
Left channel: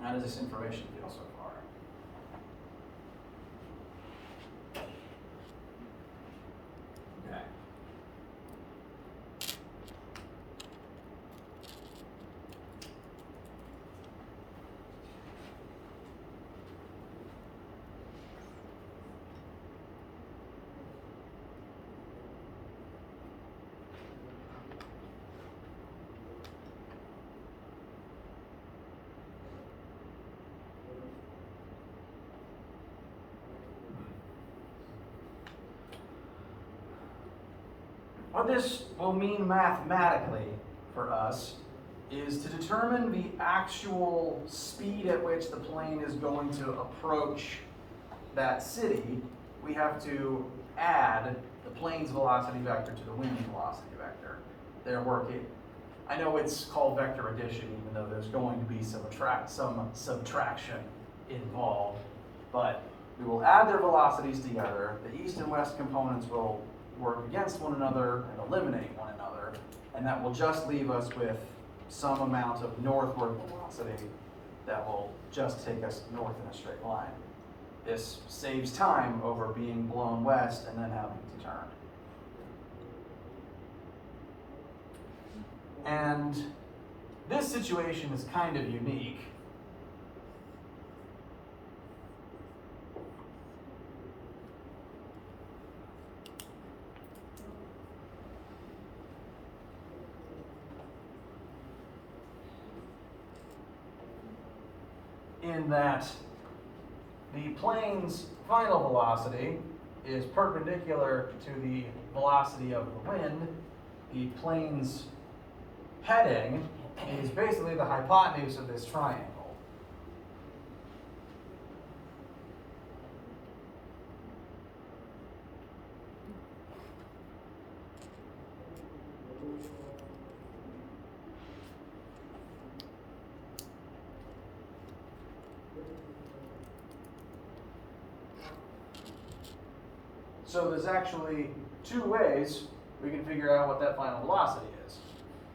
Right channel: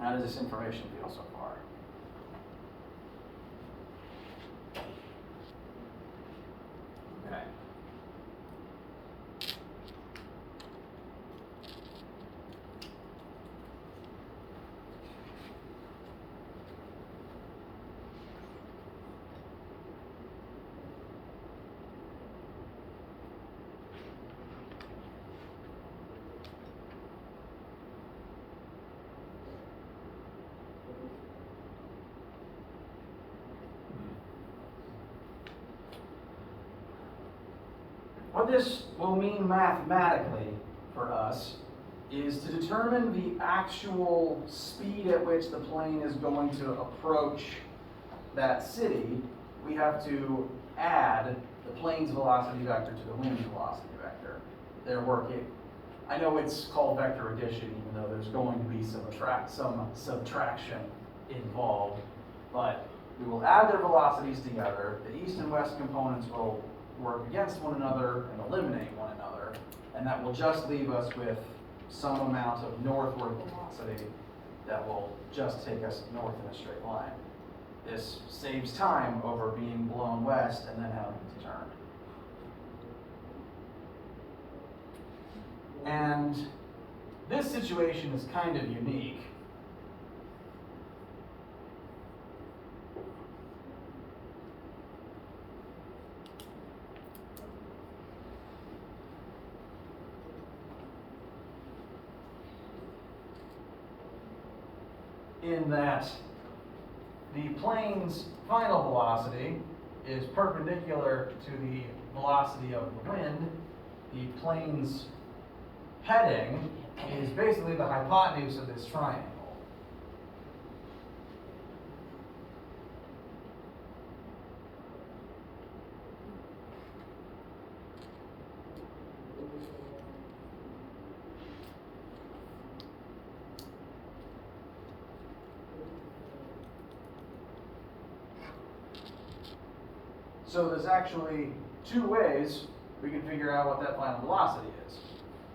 How does this information feel so far? Okay. What this will mean mathematically for us is to determine the actual speed at which the plane is going to approach that city, we have to add the plane's velocity vector to the wind's velocity vector. They're working. I know it's called vector addition, even though there's going to be some subtraction involved, but we will add their velocities together. The east and west components will work against one another and eliminate one another, and that will just leave us with some amount of northward velocity that will just take us north in a straight line. This saves time over being blown west and then having to turn. And this situation is kind of unique. In that the plane's final velocity is perpendicular to the velocity of the wind. The plane's heading is basically the hypotenuse of this triangle. So there's actually two ways we can figure out what that final velocity is.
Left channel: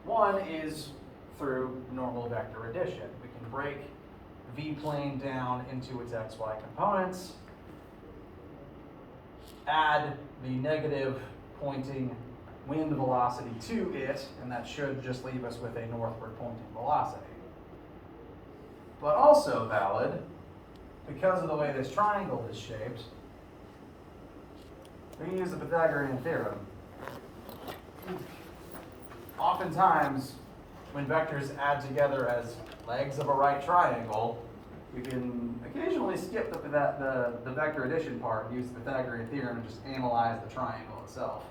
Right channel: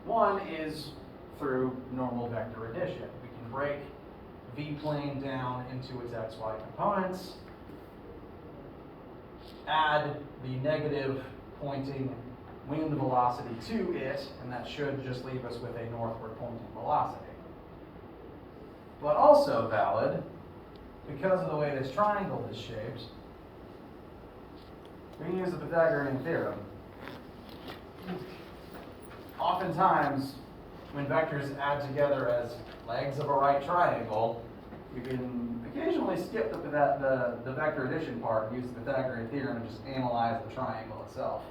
One is through normal vector addition. We can break v-plane down into its xy components, add the negative pointing wind velocity to it, and that should just leave us with a northward pointing velocity. But also valid, because of the way this triangle is shaped, we can use the Pythagorean theorem. Oftentimes, when vectors add together as legs of a right triangle, we can occasionally skip the vector addition part and use the Pythagorean theorem and just analyze the triangle itself.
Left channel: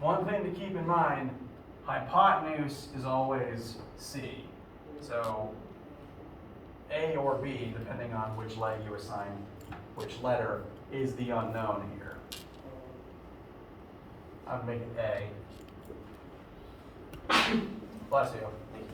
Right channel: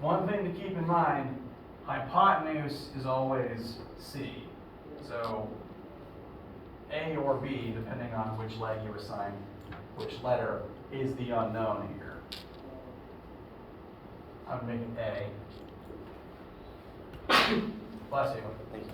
One thing to keep in mind, hypotenuse is always C. So A or B, depending on which leg you assign which letter, is the unknown here. I'd make it A. Bless you. Thank you.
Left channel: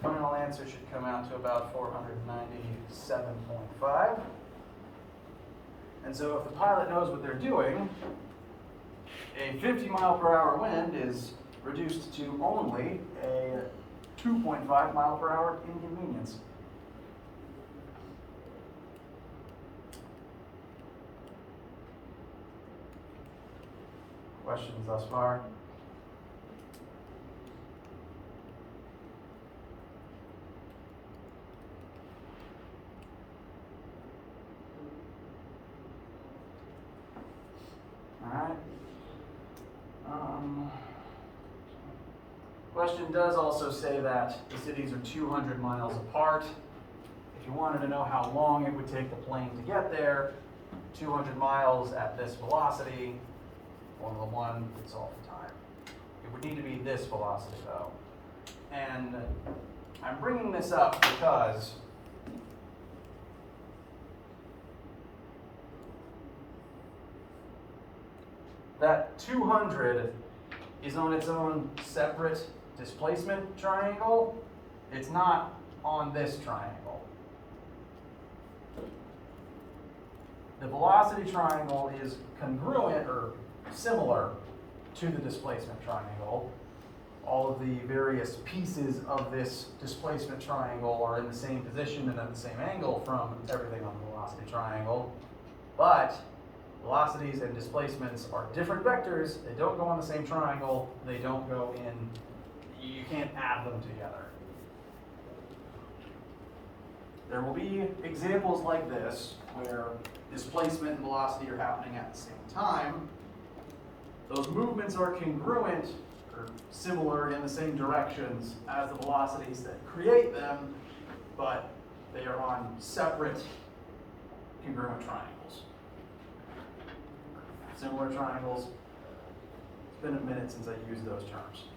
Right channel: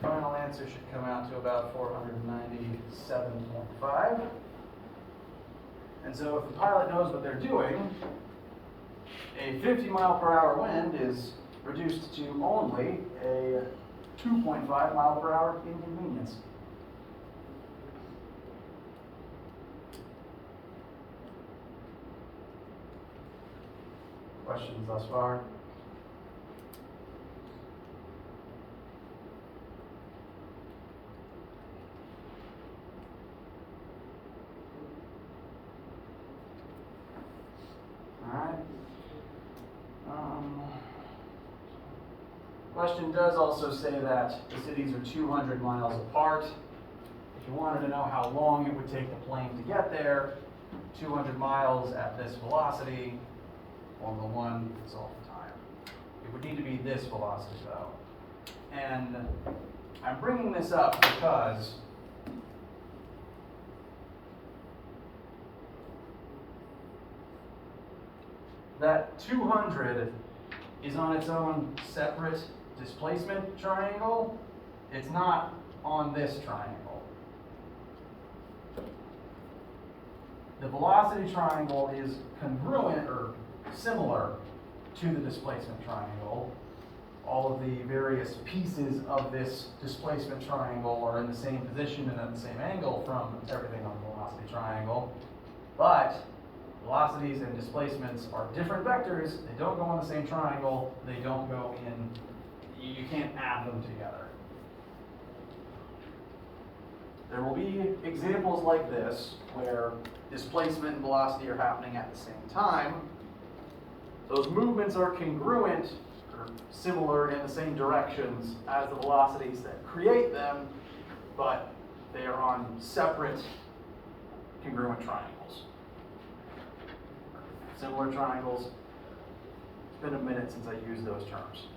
Final answer should come out to about 497.5. And so if the pilot knows what they're doing, a 50-mile-per-hour wind is reduced to only a 2.5-mile-per-hour inconvenience. Questions thus far? question does also say that the cities are 200 miles apart. If you wanted to know how long it would take the plane to get there, 200 miles at this velocity, Formula One is all the time. It would need to be this velocity though. And I'm bringing this up because that 200 is on its own separate displacement triangle. It's not on this triangle. The velocity triangle is congruent or similar to the displacement triangle. All of the various pieces of this displacement triangle are in the same position and at the same angle from everything on the velocity triangle. But velocities and displacements are different vectors. They don't go on the same triangle. They don't go in, you can't add them together. There will be examples like this where displacement and velocity are happening at the same time. Those movements are congruent or similar in the same directions as the velocities that create them, but they are on separate congruent triangles. Similar triangles. It's been a minute since I used those terms.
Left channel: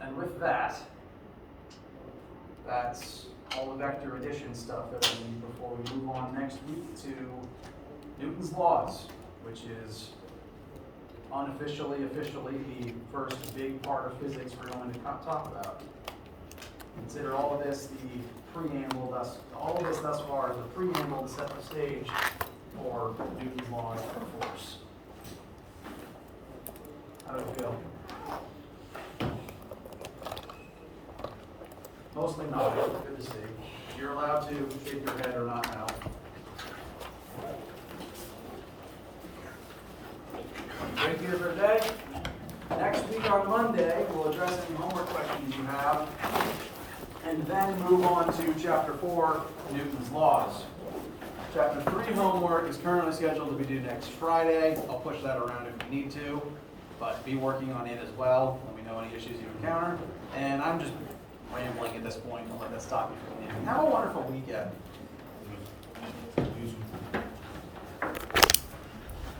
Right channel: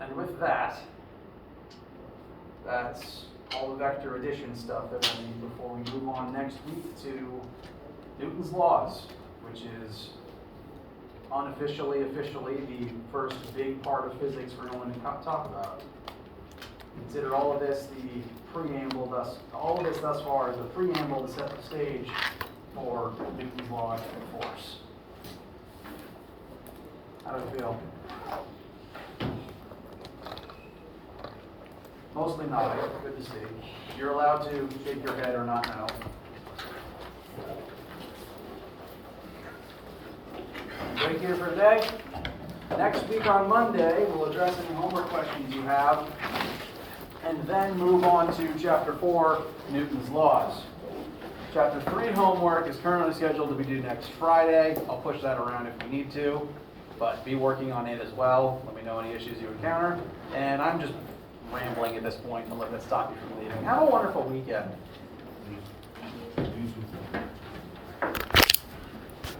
And with that, that's all the vector addition stuff that we need before we move on next week to Newton's laws, which is unofficially, officially the first big part of physics we're going to talk about. Consider all of this the preamble, all of this thus far is the preamble to set the stage for Newton's laws of force. How do you feel? Mostly nodding, good to see. You're allowed to shake your head or not now. Great here for today. Next week on Monday, we'll address any homework questions you have, and then move on to Chapter 4, Newton's Laws. Chapter 3 homework is currently scheduled to be due next Friday. I'll push that around if we need to, but be working on it as well. Let me know any issues you encounter. And I'm just rambling at this point. I'll let that stop you from leaving. Have a wonderful weekend.